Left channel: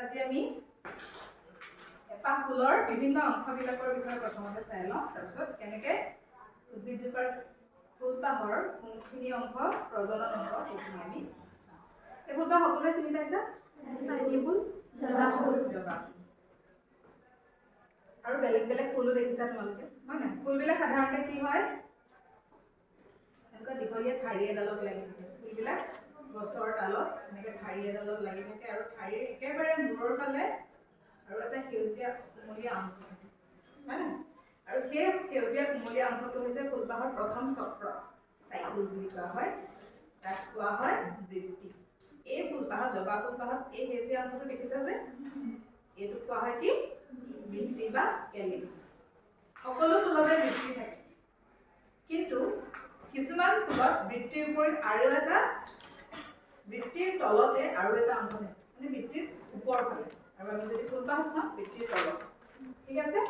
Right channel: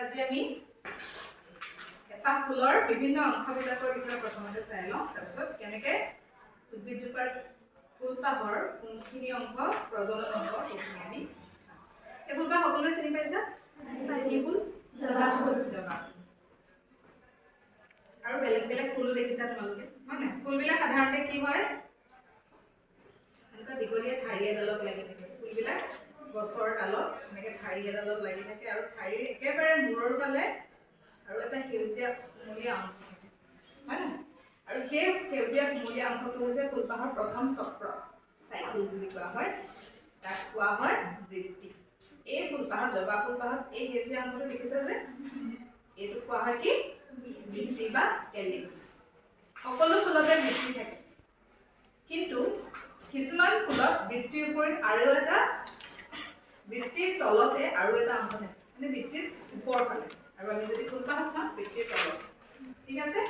আজি আমি এপাহ ফুলৰ বিভিন্ন অংশবিলাকৰ বিষয়ে প্ৰথমতে চাই লওঁ তাৰপিছত কেনেকৈ উদ্ভিদজোপাৰ ফুলপাহৰ কোনখিনি অংশ প্ৰজনন অংশ সেইখিনি আমি চাওঁ। এই ফুলপাহ সকলোৱে চিনি পাইছা? কি ফুল? জবা ফুল। জবা ফুল। আৰু বেলেগ বেলেগ ফুলো দেখিছা তোমালোকে, হয় নাই? ফুলবিলাক সাধাৰণতে কি হয়, এনেকুৱা দীঘলীয়া ঠাৰি এডালত লাগি থাকে। ফুলবিলাক গছৰ ডালত এনেকৈ ঠাৰি এডালত লাগি থাকে আৰু ঠাৰিৰ একেবাৰে মূৰৰ ফালে আৰু এটা সেউজীয়া কুমলীয়া অংশ থাকে, হয় নাই? আৰু সেই সেউজীয়া কুমলীয়া অংশটো হৈছে ফুলপাহৰ প্ৰথম চক্ৰ, চাইকেল বুলি কোৱা হয়। তাক কোৱা হয় বৃত্তি। এই ফুলপাহত, জবা ফুলপাহত এই সেউজীয়া অংশটো দেখিছা যে, এইটো কোৱা হয় কি? বৃত্তি বা কেলিক্স। সকলো ফুলতে বৃত্তি থাকে, কিন্তু কিছুমান ফুলত বৃত্তিৰ উপৰিত আৰু এটা, বৃত্তিৰ তলতে আৰু এটা অংশ থাকে, মানে বৃত্তিৰ ওপৰ ফালে। আৰু আমি যদি ফুলপাহত চাওঁ, বৃত্তিৰ তলত। ঠিক আছে?